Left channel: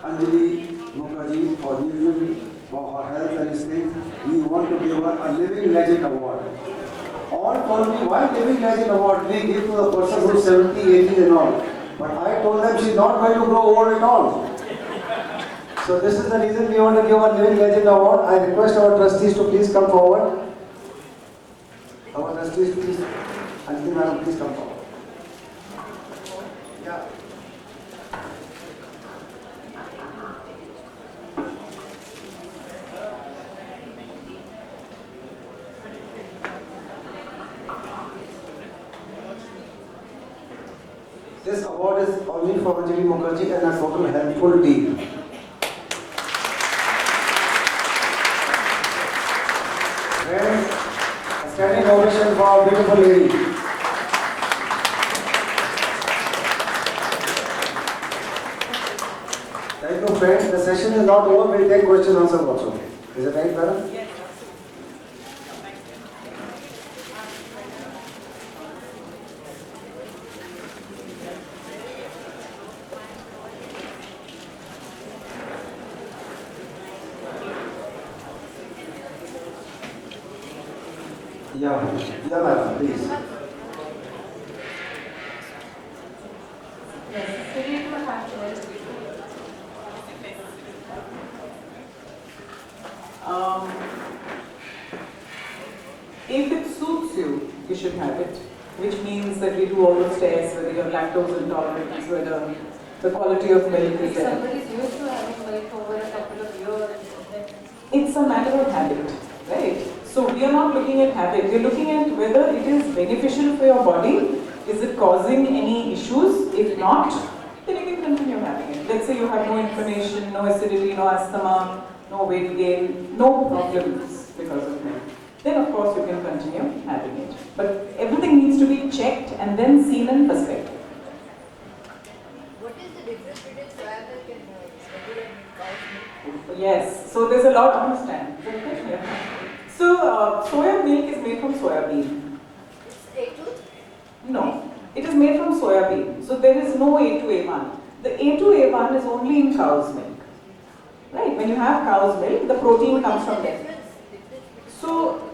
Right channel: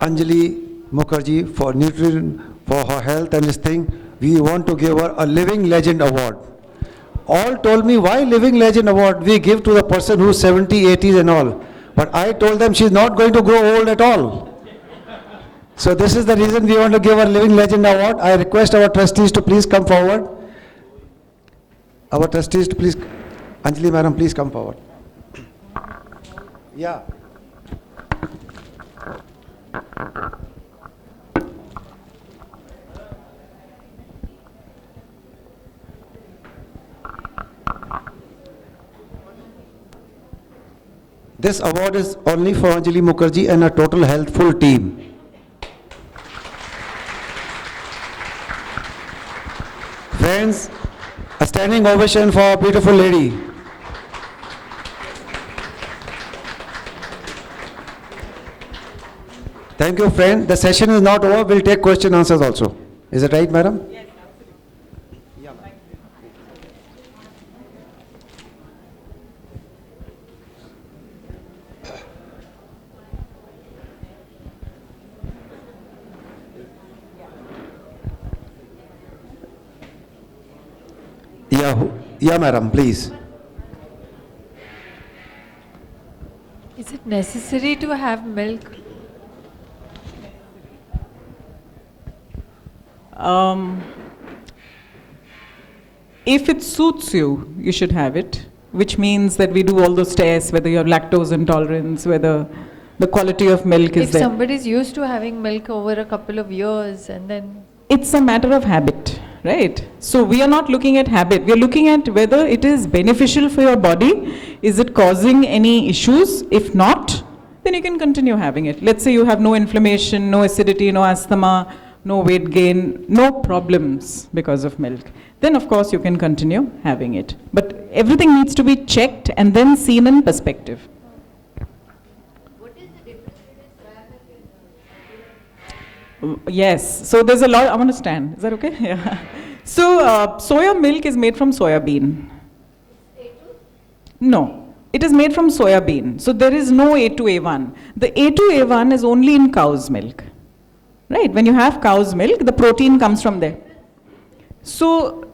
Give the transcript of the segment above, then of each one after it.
Anjali Mukerjee for nutrition, for her health and this thing. We want to give her a Living Legend Award. All told me, why Living Legend Award? We give to the person who's 70, 80s and all. But I told them she's not going to grow old at all. So this is the reason we want to give her Living Legend Award. I request our trustees to please come forward. Our trustees to please, Anjali madam, please come forward. Yeah. This award is only for Anjali Mukerjee and a total healthful team. Friends, a standing ovation for our beautiful lady. Thank you, friends. The session is not over. We'll take question answers also. Is it right, madam? Yeah, madam, please. Is it necessary to have milk? If it suits you, you should have it, which means that we do all those tests, whether you have lactose intolerance, whether the quality of milk is If there. somebody is used to having milk over a couple of years and then... It's a matter of habit, right? So we are not looking at habit. We are looking at whether it is beneficial for your body. Is it causing any issues? If not, then you can continue having it. Let's say you have no inflammation, no acidity, no asthma, no weight gain, no problems because of milk. Then of course you can continue having it. But everything needs to be checked and then seen in perspective. What is the difference between soya milk and regular milk? Yes, so there's a lot. I want to stand. Is that okay? Yeah. So soya milk is made from soya bean. It's A2? No, it is made from soya bean. So there is no A2A1. The A2A1 is only in cow's milk. Right? When you have cow's milk, the protein comes from there. So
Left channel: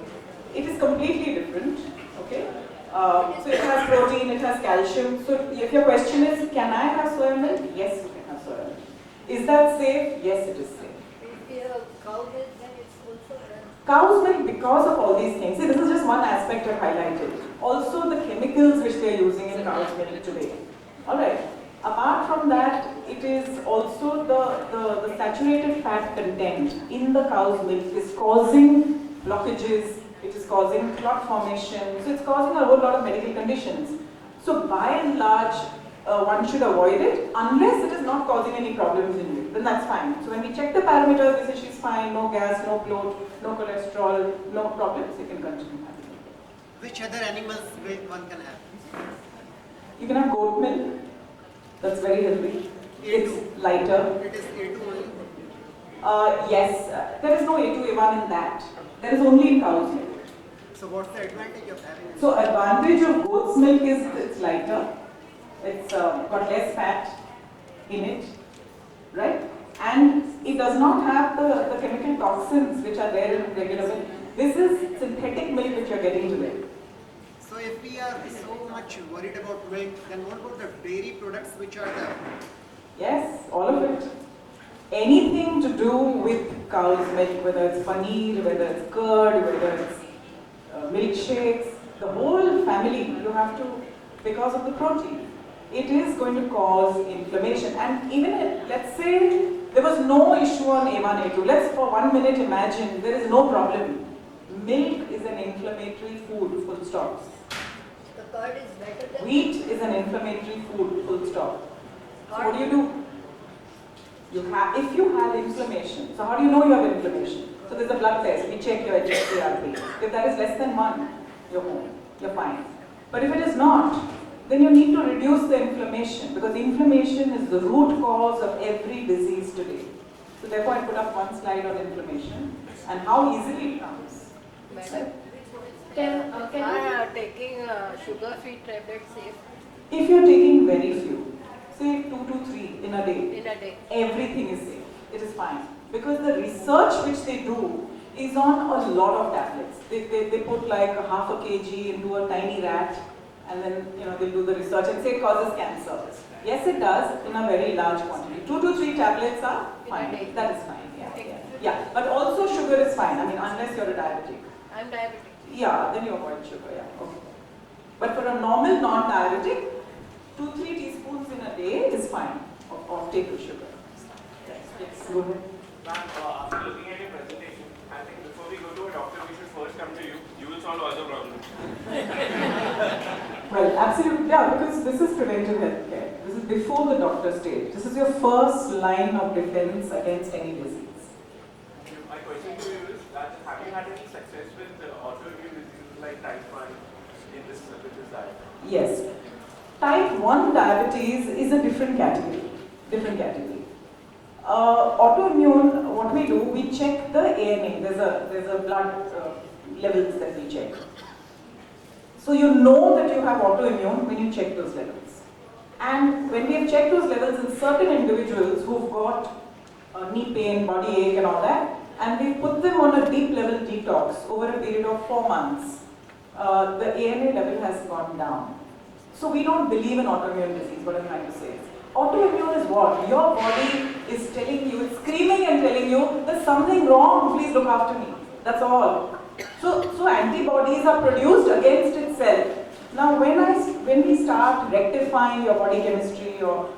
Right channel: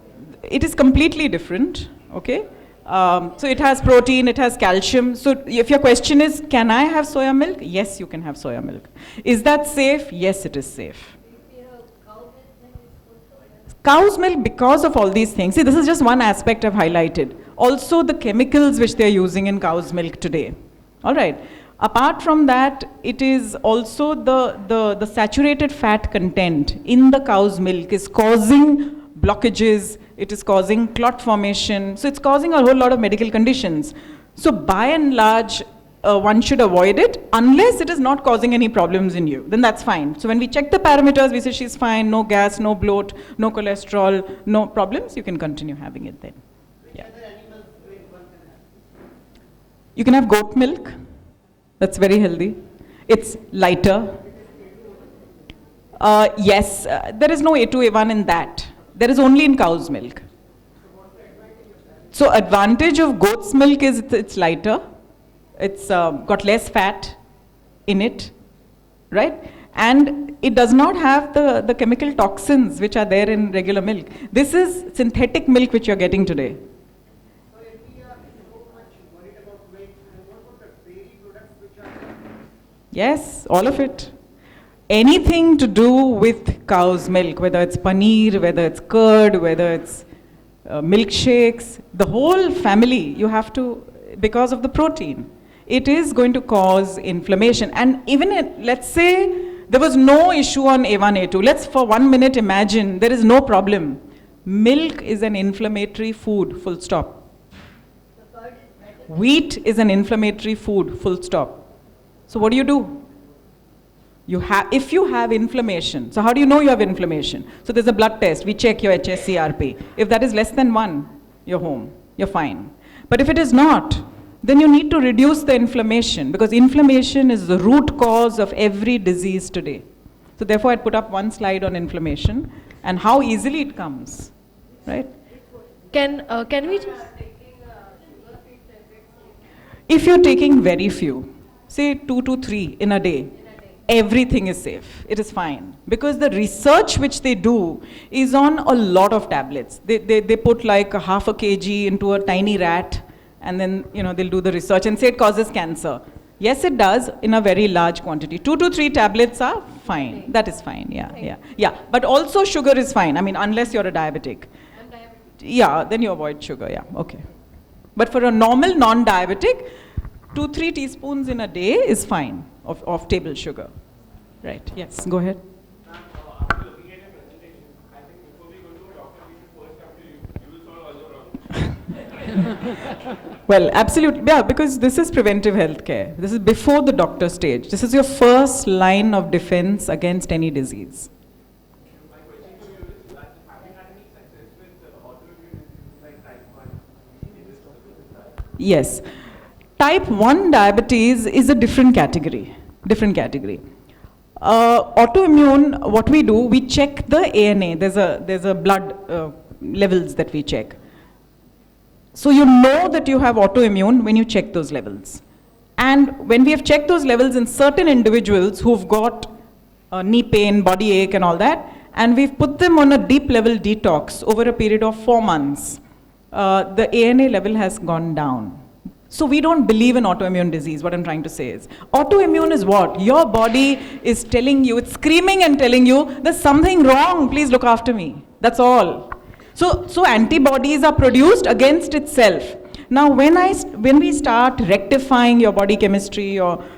it is completely different. Okay? So it has protein, it has calcium. So if your question is, can I have soya milk? Yes, you can have soya milk. Is that safe? Yes, it is safe. If you have cow milk, then it's also... Cow's milk, because of all these things, see, this is just one aspect I've highlighted. Also the chemicals which they're using in cow's milk today. All right. Apart from that, it is also the saturated fat content in the cow's milk is causing blockages, it is causing clot formation, so it's causing a whole lot of medical conditions. So by and large, one should avoid it unless it is not causing any problems in you, then that's fine. So when we check the parameters, we say she's fine, no gas, no bloat, no cholesterol, no problems, you can continue having it then. Which other animals one can have? You can have goat milk, that's very healthy. It's lighter. It is A2 only. Yes, there is no A2A1 in that. There is only in cow's milk. So what's the advantage of having? So advantage of goat's milk is it's lighter. It's got less fat in it, right? And it does not have the chemical toxins which are there in regular milk. This is synthetic milk which you're getting today. So if we are so much worried about milk, then what about the dairy products which are there? Yes, all of it. Anything to do with cow's milk, whether it's paneer, whether it's curd, whether it's milkshakes, the whole family, you have to, because of the protein, it is going to cause inflammation. And even let's say there was no issue on A1, A2. Let's for 1 minute imagine there is no problem. Milk is an inflammatory food, full stop. The curd is better than... Wheat is an inflammatory food, full stop. So what do? If you have inflammation, so how do you know you have inflammation? So there's a blood test, we check your HSCRP. If that is less than 1, you're home, you're fine. But if it is not, then you need to reduce the inflammation, because inflammation is the root cause of every disease today. So therefore I put up one slide on inflammation and how easily it comes, right? Can we... taking sugar-free tablets safe If you're taking very few, say 2 to 3 in a day, in a day? everything is safe. It is fine. Because the research which they do is on a lot of tablets. They put like a half a kg into a tiny rat, and then they'll do the research and say it causes cancer. Yes, it does in a very large quantity. 2 to 3 tablets are fine. That is fine. Yeah. But also sugar is fine. I mean, unless you're a diabetic. I'm diabetic. Yeah, then you avoid sugar. Yeah, okay. But for a normal non-diabetic, 2-3 teaspoons in a day is fine of table sugar. Right. Yes. Go ahead. Ma'am, after looking at your presentation, I think before we go to a doctor, we should first come to you. You will solve all the problems. Well, absolutely. Yeah, because this is preventive healthcare. This is before the doctor stage. This is your first line of defense against any disease. My question to you is that have you had any success with autoimmune diseases like type 1 in this diet? Yes. Type 1 diabetes is a different category. Autoimmune, what we do, we check the ANA. There's a blood levels that we check. So you know that you have autoimmune when you check those levels. And when we have checked those levels in certain individuals who've got knee pain, body ache and all that, and we've put them on a deep level detox over a period of 4 months, the ANA level has gone down. So we don't believe in autoimmune disease. What I'm trying to say is, autoimmune is what? Your body is telling you, it's screaming and telling you, there's something wrong, please look after me. That's all. So antibodies are produced against itself. Now when we start rectifying your body chemistry or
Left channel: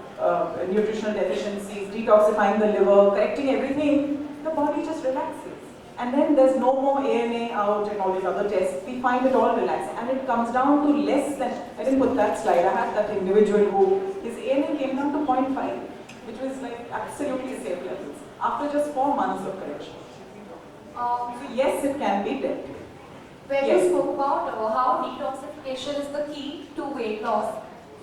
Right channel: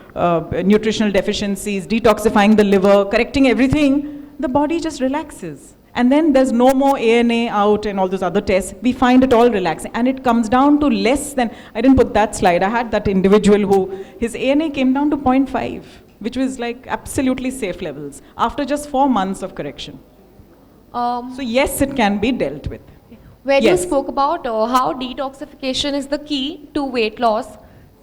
nutritional deficiencies, detoxifying the liver, correcting everything, the body just relaxes. And then there's no more ANA out and all those other tests. We find it all relaxing. And it comes down to less than, I didn't put that slide, I had that individual who, his ANA came down to 0.5, which was like absolutely safe levels, after just 4 months of correction. So yes, it can be dealt with. Where Yes. you spoke about how detoxification is the key to weight loss.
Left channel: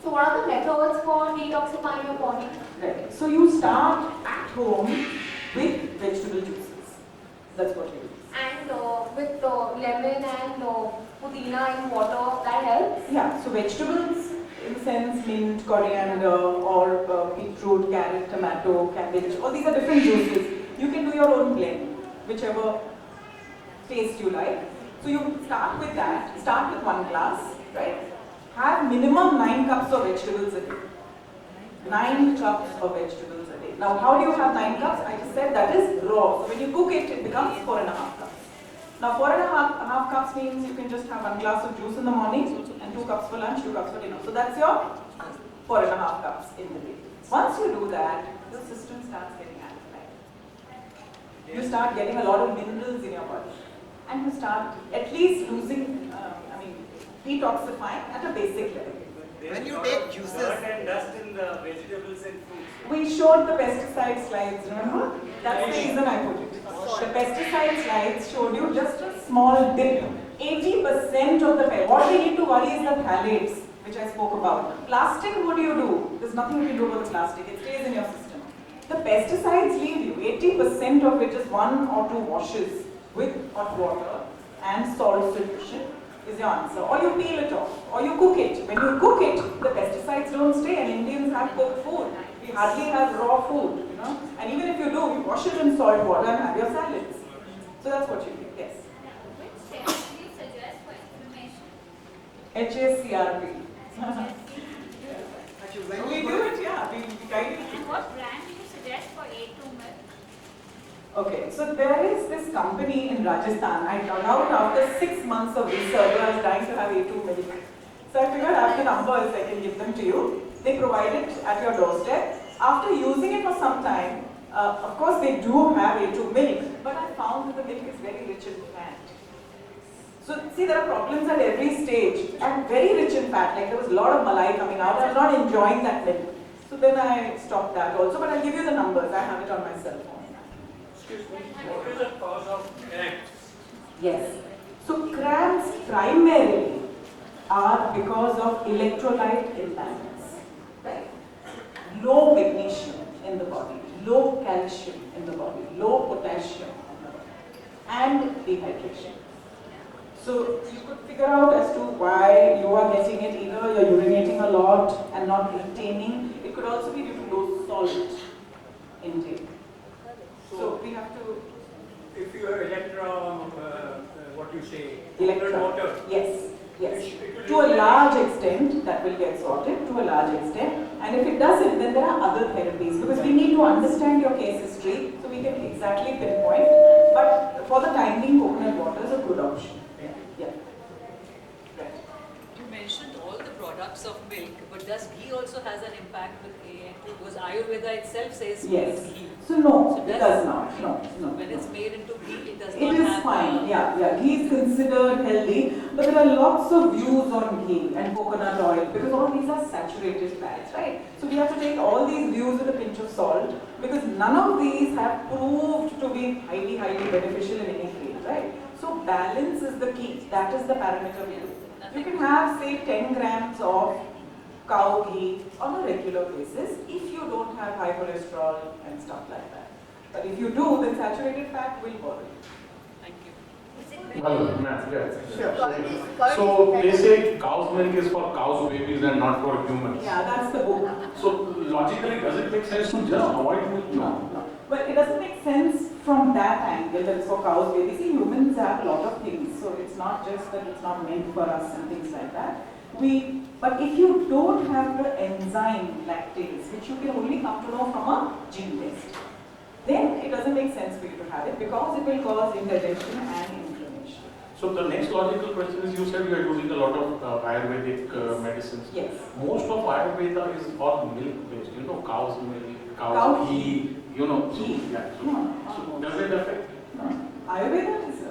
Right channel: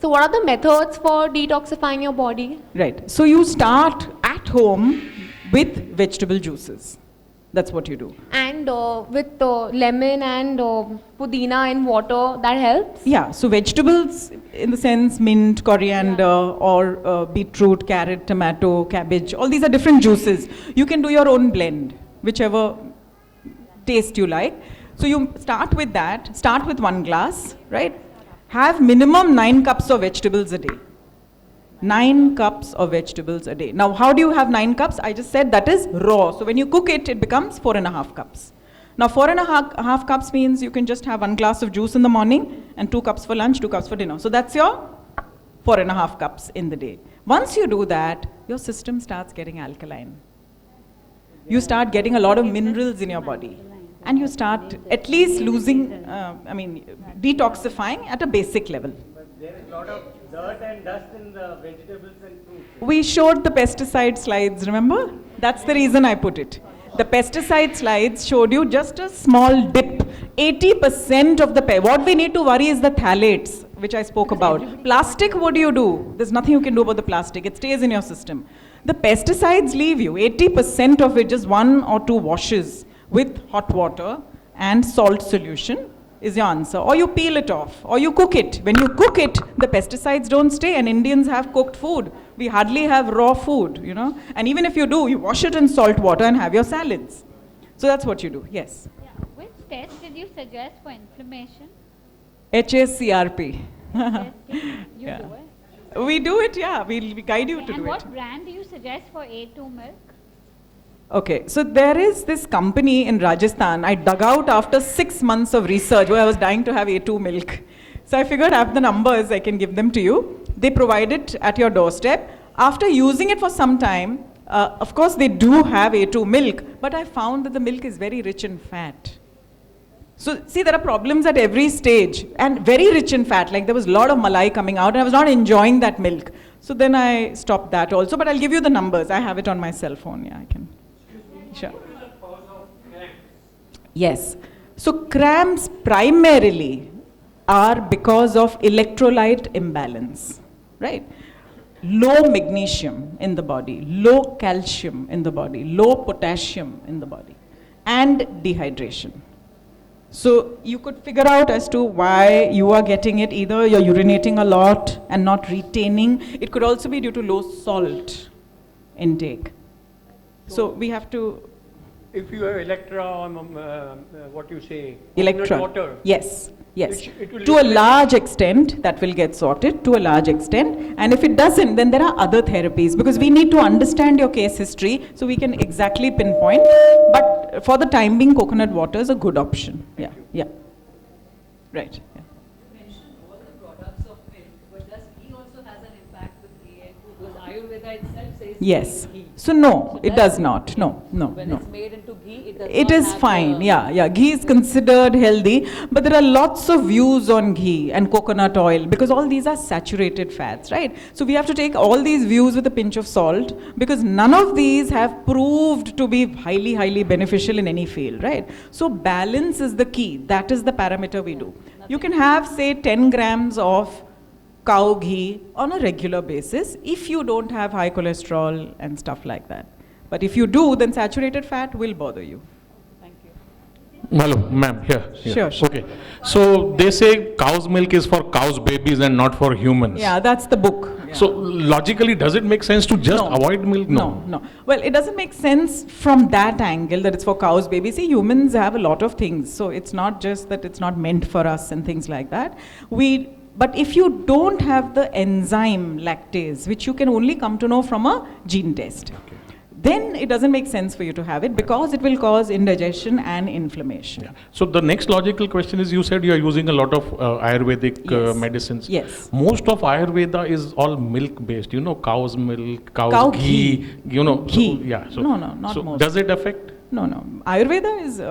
So what are the methods for detoxifying your body? Right. So you start at home with vegetable juices. That's what you do. And with lemon and pudina and water, that helps? Yeah, so vegetables in the sense mint, coriander, or beetroot, carrot, tomato, cabbage, all these are different juices. You can do your own blend, whichever taste you like. So you start with that, start with 1 glass, right? Have minimum 9 cups of vegetables a day. 9 cups of vegetables a day. Now, how do you have 9 cups? I just said that is raw. So when you cook it, it becomes 4.5 cups. Now, 4.5 cups means you can just have 1 glass of juice in the morning and 2 cups for lunch, 2 cups for dinner. So that's your 4.5 cups in the day. Once you do that, your system starts getting alkaline. You start getting a lot of minerals in your body. And you start at least losing, detoxifying at a basic level. When you take juices, Dirt and dust in the vegetables and fruits. We showed the pesticide slides, remember? That's the reason I put it. The pesticide slides showed you just a small dip. 80% of the what we need to worry is the phthalates, which I spoke about. Plastic, what do? There's nothing you can do about the plastic. It stays in your system. The pesticides leave you. 80% of it, just 1 or 2 washes with hot water and salt solution is your answer. Or you peel it off, or you cook it. When you cook it, the pesticides don't stay, and Indians have cooked food. We hardly have raw food, And even if you do, you wash it in salt water and have your salads. So that's what you do, yes. Which test did you suggest for inflammation? HACRP. Yeah. We do it, yeah. We guide you to And do it. what brand do you suggest for A2 milk? Okay, so there is this company in Rajasthan. I dug out after 6 months of research where I was dying to have A2 milk. So I figured I have the numbers, I can give them to you. They provide it at your doorstep. After using it for some time, of course they do have A2 milk, but I found that the milk is very rich in fat. So see, there are problems at every stage, and very rich in fat. Like there was a lot of malai coming out and I was not enjoying that milk. So then I stopped that also, but I'll give you the numbers. I have it on my cell phone, yeah. I can. Sure. What is the cause of cramps? Yes. So cramps primarily are because of electrolyte imbalance, right? Low magnesium in the body, low calcium in the body, low potassium in the body, and dehydration. So you could figure out as to why you are getting it. Either you're urinating a lot and not retaining. It could also be due to low salt. intake. So we have to If you have what you say, electron. water. Yes, yes. It will To a reflect- large extent, that will get sorted to a large extent. And if it doesn't, then there are other therapies because we need to understand your case history so we can exactly pinpoint. But for the time being, coconut water is a good option. Yeah, yeah. Right. You mentioned all the products of milk, but does ghee also has an impact with AN2? Because Ayurveda itself says Yes. ghee. So no, So it does- does not. No, no, When no. it's made into ghee, it does It not is have fine, the- yeah, yeah. Ghee is considered healthy, but there are lots of views on ghee and coconut oil because all these are saturated fats, right? So we have to take all these views with a pinch of salt because none of these have proved to be highly, highly beneficial in any field, right? So balance is the key. That is the parameter we do. You can have, say, 10 grams of cow ghee on a regular basis if you don't have high cholesterol and stuff like that. But if you do, then saturated fat will bother you. Hello, ma'am, here. Sure. Okay. So they say cow's milk is for cow's babies and not for humans. Yeah, that's the book. So logically, does it make sense to just avoid milk? No. Well, it doesn't make sense from that angle that it's for cows, babies. See, humans have a lot of things. So it's not just that it's not meant for us and things like that. But if you don't have the enzyme lactase, which you can only come to know from a gene test, then it doesn't make sense for you to have it because it will cause indigestion and inflammation. So the next logical question is, you said you are using a lot of Ayurvedic Yes. medicines. Yes. Most of Ayurveda is all milk based, cow's milk, cow's Cow ghee, ghee. Ghee. Yeah. So, No, not so most. does it affect? No. Ayurveda is,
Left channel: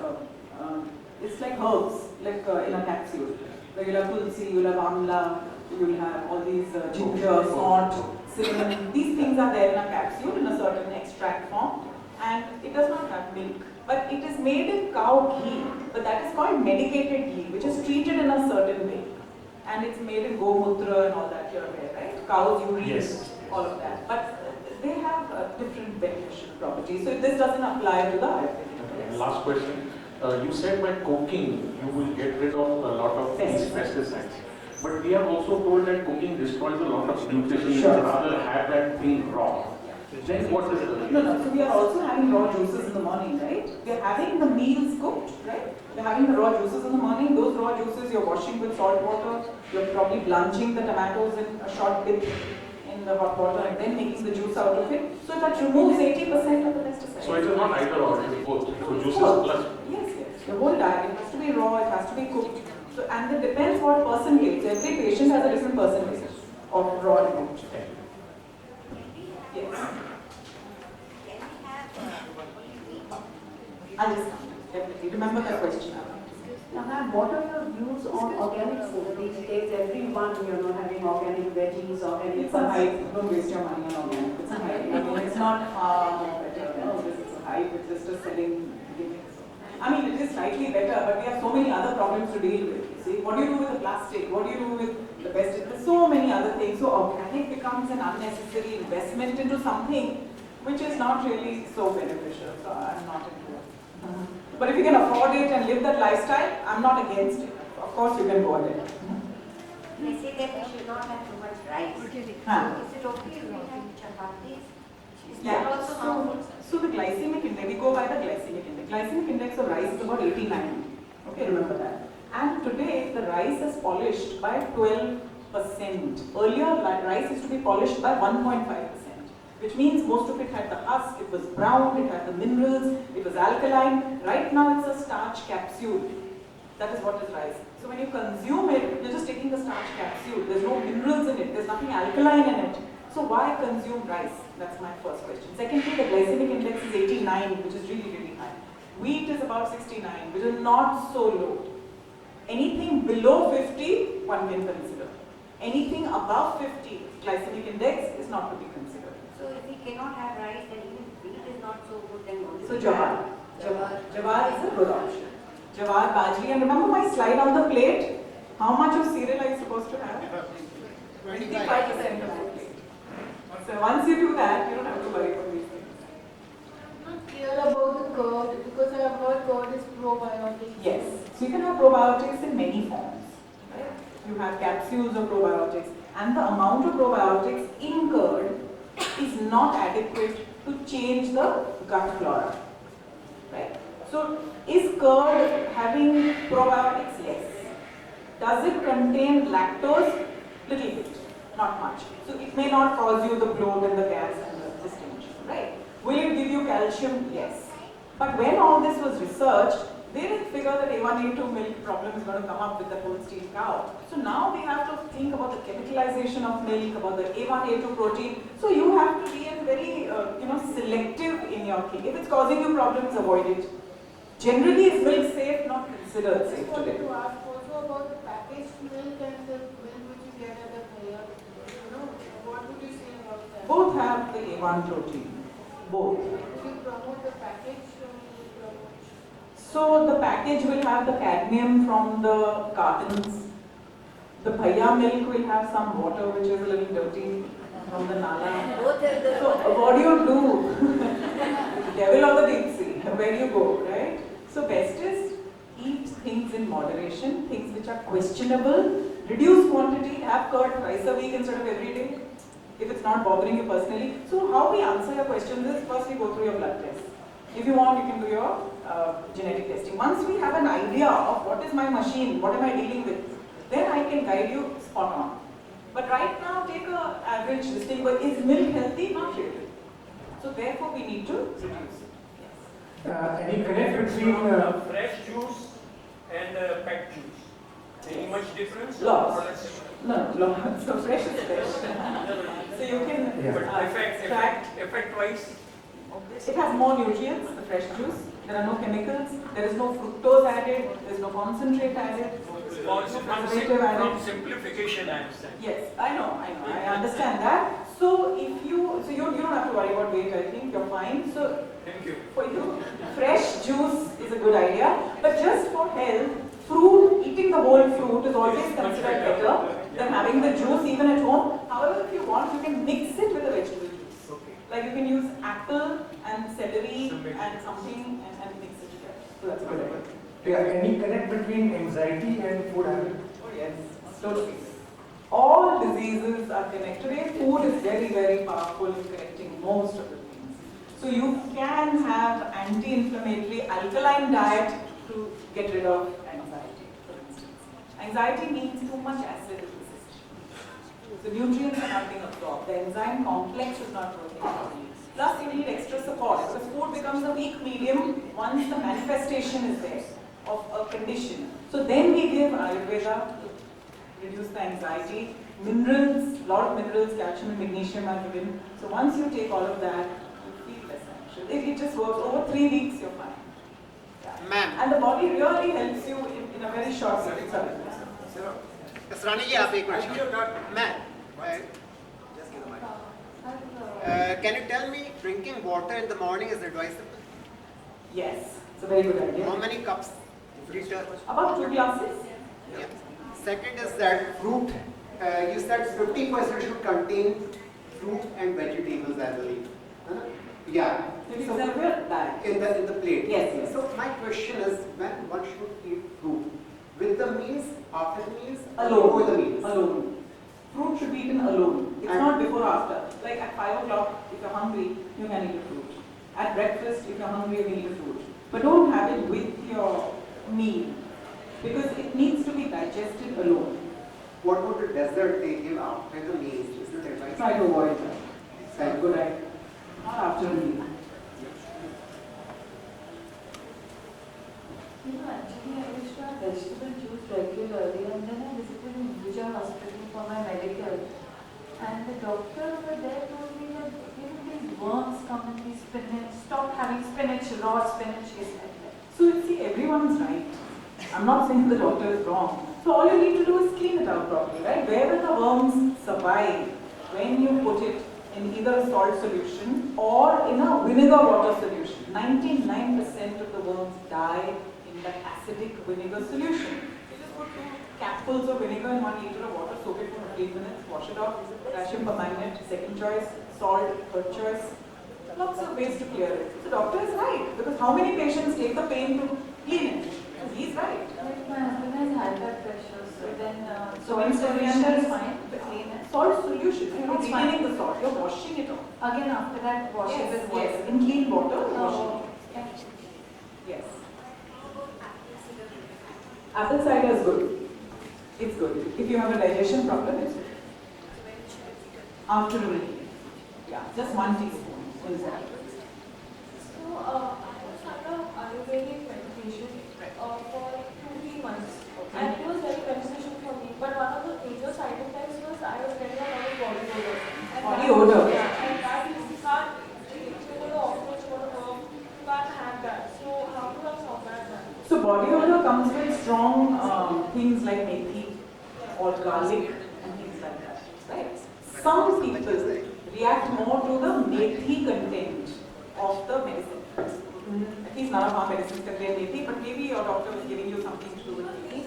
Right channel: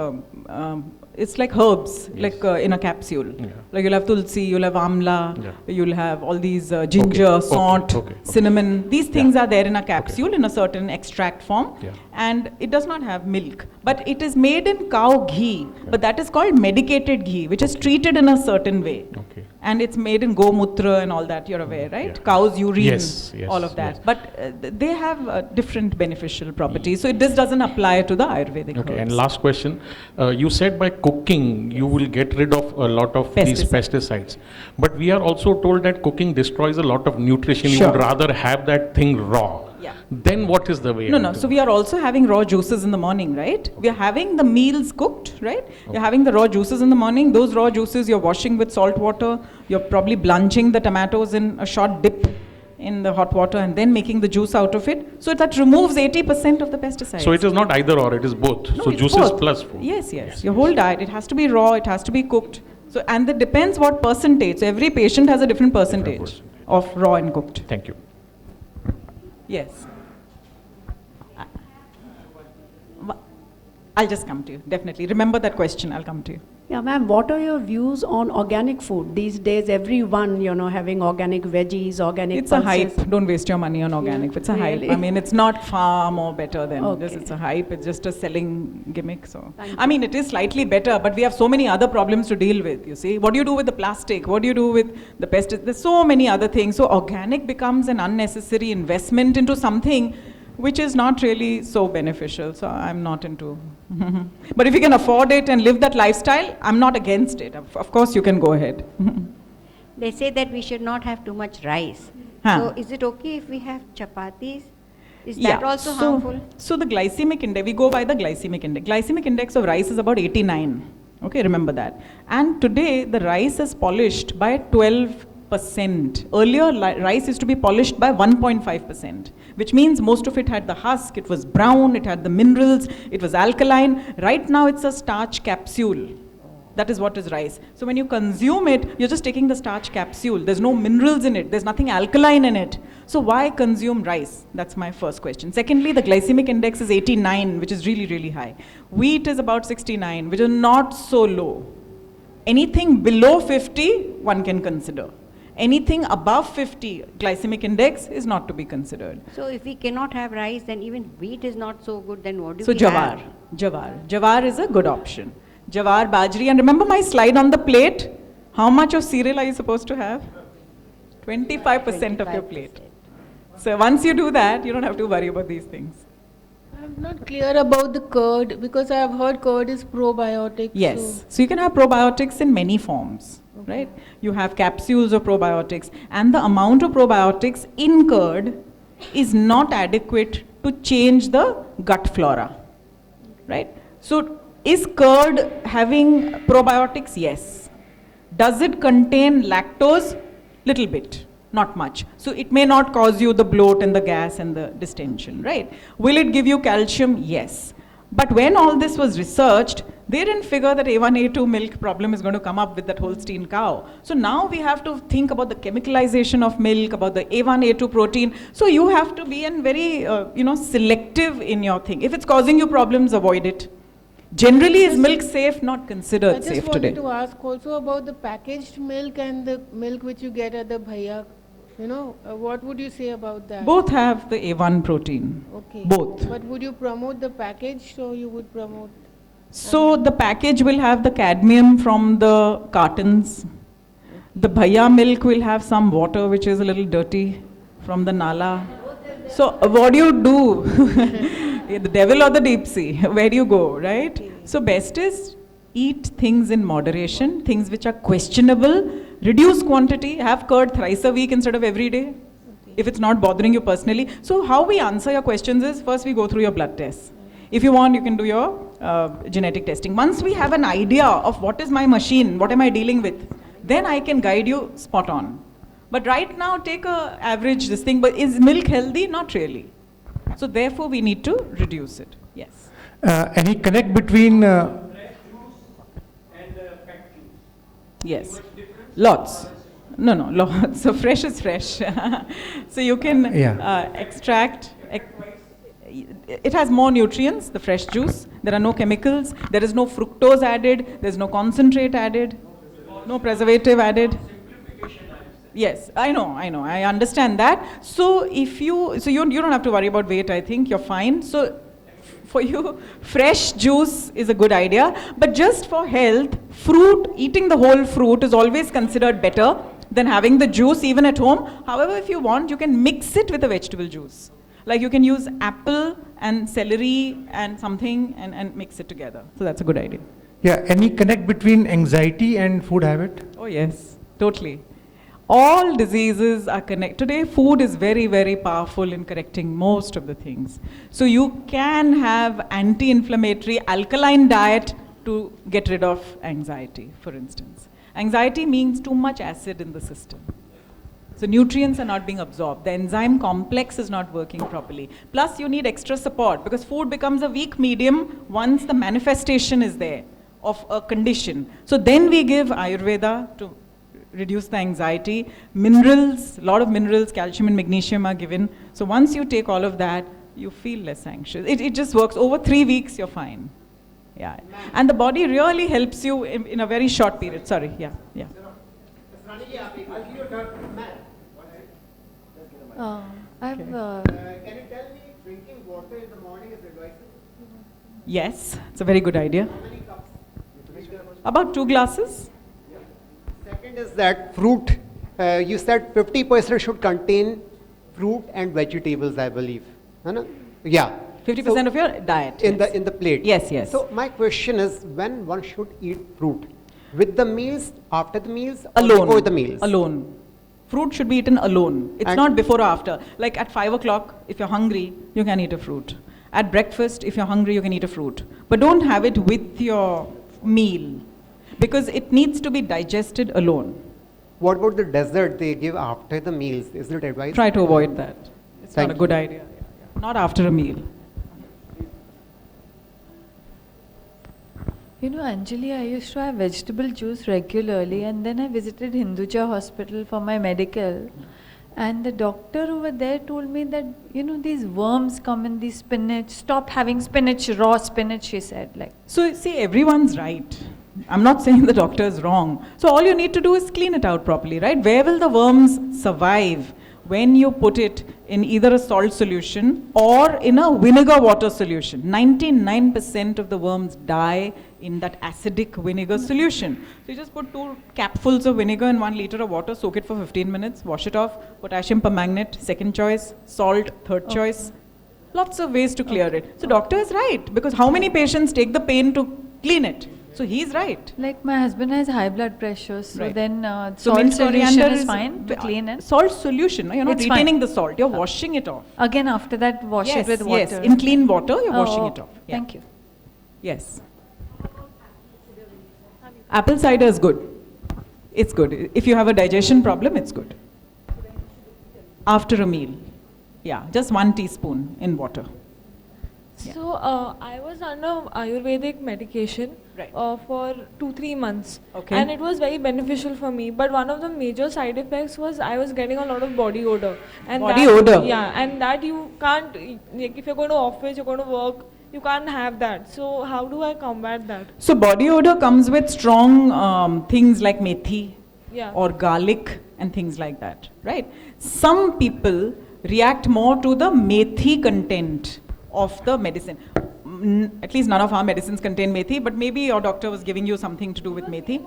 it's like herbs, like in a capsule. Yeah. Like you'll have tulsi, you'll have amla, Yeah. you'll have all these ginger, Okay, salt, okay. cinnamon. These things are there in a capsule in a certain extract form. Yeah. And it does not have milk. But it is made in cow ghee. But that is called medicated ghee, which is treated in a certain way. Okay. And it's made in gomutra and all that, you're aware, right? Cow's urine, Yes, all of that. yes. But they have different beneficial properties. So this doesn't apply to the Ayurvedic Okay, herbs. and last question. You said by cooking you will get rid of a lot of these pesticides. But we are also told that cooking destroys a lot of nutrition. You Sure. would rather have that thing raw. Yeah. Then what is the way? No. So we are also having raw juices in the morning, right? We are having the meals cooked, right? You're having the raw juices in the morning. Those raw juices you're washing with salt water. You're probably blanching the tomatoes in a short dip in the hot water and then making the juice out of it. So that removes 80% of the pesticides. So it is not either or, it is both. No, So it's juices both. plus food. Yes. Your whole diet, it has to be raw, it has to be cooked. So, and it depends what percentage. So every patient has a different percentage of raw and cooked. Thank you. Yes. I'll just come to you, definitely. Remember that question, I'll come to you. Yeah, ma'am, what are your views on organic food? These days, everyone, having organic veggies, organic It's a pulses. hype. Don't waste your money on organic. It's a hype. Really? I mean, it's not far more better than Okay. this. It's a hype. It's just a selling gimmick. So, I mean, it is slightly better, but we have so many other problems to deal with. You see, what do you do with the plastic? What do you do with the pesticides? There's so many other things. So, organic becomes an unnecessary investment into something which is not really so beneficial. So, I'm not into. But if you can afford it and live that lifestyle, I'm not against it. Of course, you can go ahead. They say that we should not have too much rice. Huh. So is it okay if we have chapatis? Is that also so, harmful? So the glycemic index, we go by the glycemic index. Glycemic index of rice is about 89. Okay, remember that. And today the rice is polished by 12%. Earlier rice used to be polished by 1.5%. Which means most of it had the husk, it was brown, it had the minerals, it was alkaline. Right now it's a starch capsule. That is what is rice. So when you consume it, you're just taking the starch capsule. There's no minerals in it, there's nothing alkaline in it. So why consume rice? That's my first question. Secondly, the glycemic index is 89, which is really, really high. Wheat is about 69, which is not so low. Anything below 50, one can consider. Anything above 50 glycemic index is not to be considered. So if we cannot have rice, then even wheat is not so good, then what do So we jawar, have? jawar is a good option. Jawar, bajri, and remember my slide on the plate? How much of cereal are you supposed to have? 25% of your plate. So once you do that, you don't have to worry about these things. I'm not clear about the curd because I have heard curd is probiotic. Yes. So you can have probiotics in many forms, right? You have capsules of probiotics, and the amount of probiotics in curd is not adequate to change the gut flora, right? So is curd having probiotics? Yes. Does it contain lactose? Little bit, not much. So it may not cause you the bloat and the gas and the distension, right? Will it give you calcium? Yes. But when all this was researched, they didn't figure that A1, A2 milk problem is going to come up with that Holstein cow. So now we have to think about the chemicalization of milk, about the A1, A2 protein. So you have to be very, selective in your thing. If it's causing you problems, avoid it. Generally, is milk safe? Not considered safe today. I just wanted to ask also about the packaged milk and the milk which you get at the bhaiya. What would you say about that? Both have the A1 protein. Okay. Both. But would you promote the packaged or you would promote? So the package will have the cadmium from the cartons. The bhaiya milk will have some water which is a little dirty from the nala. So what do you do? The devil or the deep sea? Where do you go, right? So best is eat things in moderation, things which are questionable, reduce quantity, have curd thrice a week instead of every day, if it's not bothering you personally. So how we answer your questions is, first we go through your blood tests. If you want, you can do your genetic testing. Once we have an idea of what is my machine, what am I dealing with, then I can guide you spot on. But right now, take a average this thing, but is milk healthy? Not really. So therefore, we need to reduce it. Yes. Any connect between fresh juice and packed juice? Yes. Much difference? Lots. No, lots. So fresh is fresh. So you can extract. Effect-wise? It has more nutrients, the fresh juice. There are no chemicals. There is no fructose added. There is no concentrate added. No preservative added. Simplification, I understand. Yes, I know. I understand that. So if you don't have to worry about weight. I think you're fine. So for you, fresh juice is a good idea. But just for health, eating the whole fruit is always considered better than having the juice even at home. However, if you want, you can mix it with a vegetable juice. Like you can use apple and celery and something and mix it together. So that's a good idea. Yeah, any connect between anxiety and food habit? Oh yes, totally. All diseases are connected. Today, food is very, very powerful in correcting most of the things. So you can have anti-inflammatory alkaline diet to get rid of anxiety, for instance. Anxiety means too much acid in the system. So nutrients are not being absorbed. The enzyme complex is not working properly. Plus you need extra support because food becomes a weak medium once the manifestation is there of a condition. So then we give Ayurveda to reduce the anxiety. Minerals, a lot of minerals, calcium and magnesium are given. So once you take all of that, you feel less anxious. It just works. Over 3 weeks, you're fine. Yeah. And the body really helps you in a very short period. Sorry, yeah. Rani ji, aap ek question. Ma'am, can you tell me drinking water in the morning is advisable? Yes, it's a very good idea. How many cups? Liter? About 2 glasses. Yeah. Second is that fruit. You said 50% should contain fruit and vegetables, I believe. Yeah. 50% of your diet. In the plate. Yes. So my question is, when one should eat fruit? With the meals, after the meals, alone. Before the meals? Alone. Fruit should be eaten alone. It's not before or after. Like at 5 o'clock, if you're hungry, you can eat a fruit. At breakfast, if you're hungry, you can eat a fruit. But don't have it with your meal because it needs to be digested alone. What about the dessert they give after the meals? Is it advised? Try to avoid that. It's not a good idea. Not after a meal. You know, Anjali, I used to have vegetable juice regularly, and then I visited Hinduja hospital for my medical, and the doctor over there told me that, these worms come in the spinach, stop having spinach, raw spinach, she said. So you see, everyone's right. I'm not saying the doctor is wrong. So all you need to do is clean it out properly, right? Where will the worms survive? When you put it in either a salt solution or in a vinegar water solution. 99% of the worms die in that acidic vinegar solution. You just put 2 capfuls of vinegar in 1 liter of water, soak it for 15 minutes, wash it off, potassium permanganate, second choice, salt, third choice. Lots of ways to clear it. So doctor is right, because how many patients take the pain to clean it? So he's right. Like my husband has high blood pressure, so Right. then So salt mint solution coriander is is fine to clean it. Salt solution. No? You're not It's retaining fine. the salt. You're washing it off. Again, after that, wash Yes, it with water. yes. In clean water, you're Oh, washing it off. Yeah. Thank you. Yes. Apple cider is good. It's good. If you have a digestion problem, it's good. After a meal. Yeah, just 1 teaspoon in water. So I was under Ayurvedic medication for 2-3 months, Okay. and it was very beneficial for me. But one of the major side effects was I was getting a lot of body odor. And Body that, odor? Yeah, and that you can't. Like if you're going to office, you're going to work, you can't have that. So how do I combat that? So body odor comes with strong things like methi Yeah. or garlic and things like that, right? Some people react more to the methi content of the medicine. At least none of our medicines contain methi, but maybe your doctor was giving you something to do with methi.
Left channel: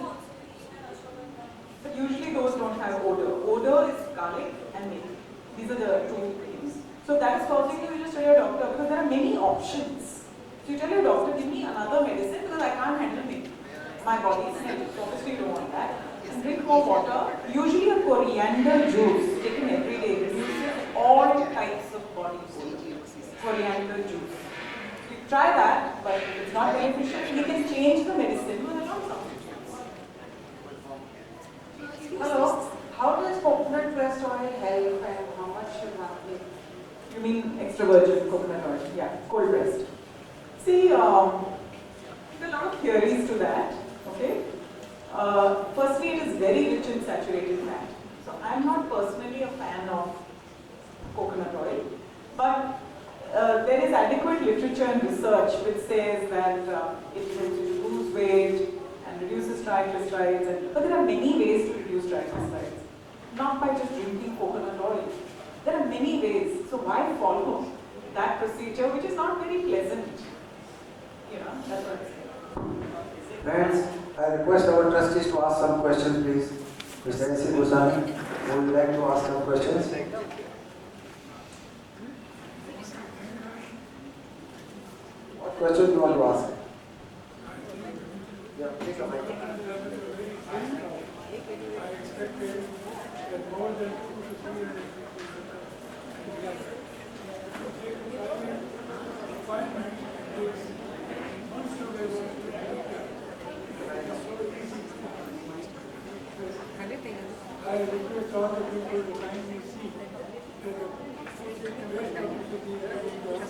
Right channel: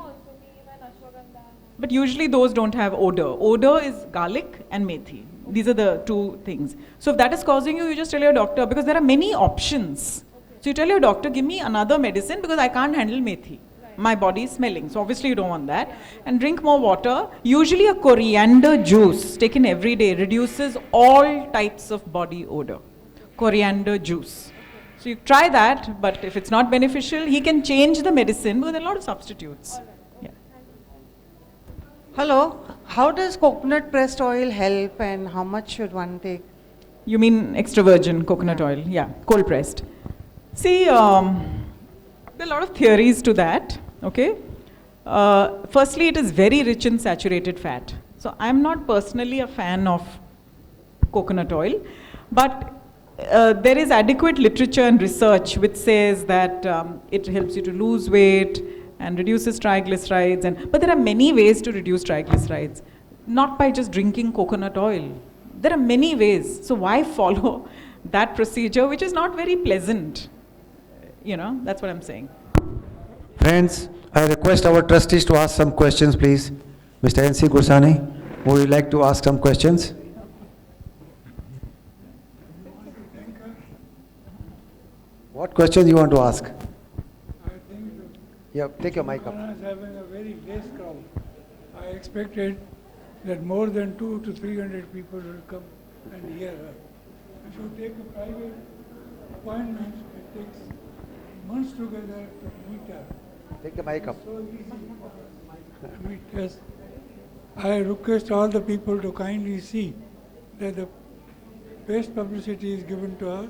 But usually those don't have odor. Odor is garlic and methi. These are the two things. So if that is causing you, you just tell your doctor, because there are many options. So you tell your doctor, give me another medicine because I can't handle methi. My body is smelling. So obviously you don't want that. And drink more water. Usually a coriander juice taken every day reduces all types of body odor. Coriander juice. So you try that, but if it's not beneficial, he can change the medicine with a lot of substitutes. Hello, how does coconut pressed oil help and how much should one take? You mean extra virgin coconut oil? Yeah, cold pressed. See, there are a lot of theories to that. Okay. Firstly, it is very rich in saturated fat. So I'm not personally a fan of coconut oil, but there is adequate literature and research which says that it helps you to lose weight and reduces triglycerides. But there are many ways to reduce triglycerides, not by just drinking coconut oil. There are many ways. So why follow that procedure, which is not very pleasant? You know, that's what I'm saying. Friends, I request our trustees to ask some questions, please. Mr. N.C. Gursani, would you like to ask some questions? What questions you want to ask? Yeah, take your mic up. I expected that more than 200 to 300 people will come together. If you take a private appointment, it takes months together. Take the mic up. Because I request all the people to kindly see that the best publicity is given to us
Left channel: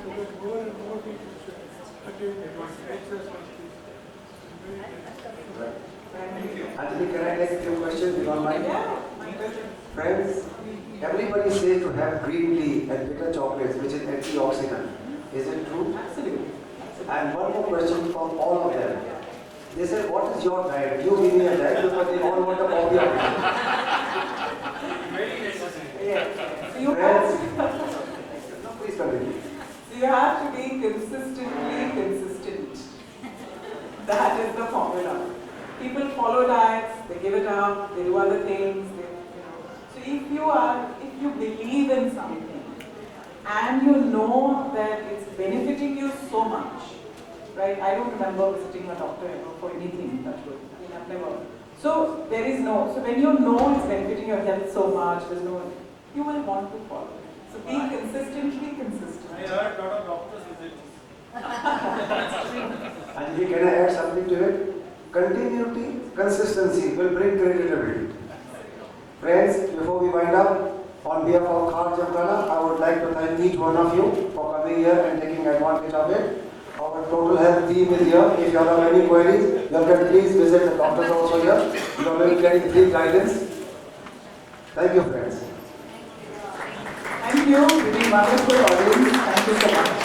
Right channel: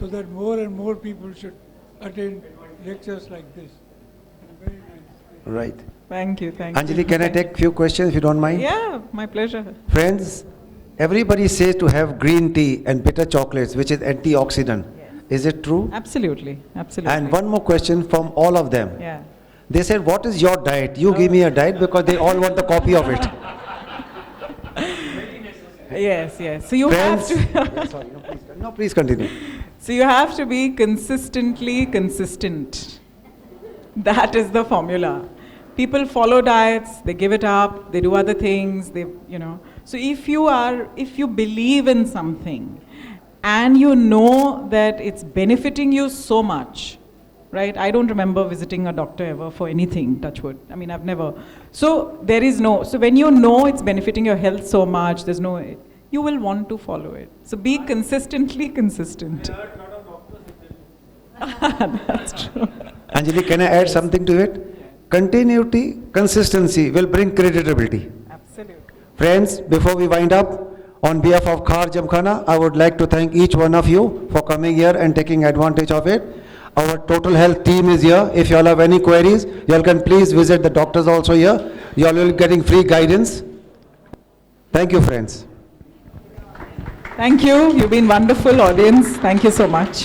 so that more and more people should attend lectures like this. Right. Thank you, thank you. Anjali, can I take few questions if you don't mind? Yeah, my pleasure. Friends, everybody says to have green tea and bitter chocolates, which is antioxidant. Is it true? Absolutely, absolutely. And one more question from all of them. Yeah. They said, what is your diet? You give me a diet, because they all want the copy of it. Yes, yes. So you have to. No, please continue. So you have to be consistently consistent. That is the formula. People follow diets, they give it up, they do other things, So if you believe in something and you know that it's benefiting you so much, right? I don't remember visiting a doctor ever for anything, touch wood. I mean, I've never. So so when you know it's benefiting your health so much, you will want to follow it. So be consistently consistent. That's true. Anjali, can I add something to it? Continuity, consistency will bring credibility. Friends, before we wind up, on behalf of Khar Jamkhana, I would like to thank each one of you for coming here and taking advantage of it. Our total health team is here. If you all have any queries, you all can please visit the doctors also here. You all will be getting free guidance. Thank you, friends. Thank you. You've been wonderful audience. Thank you so much.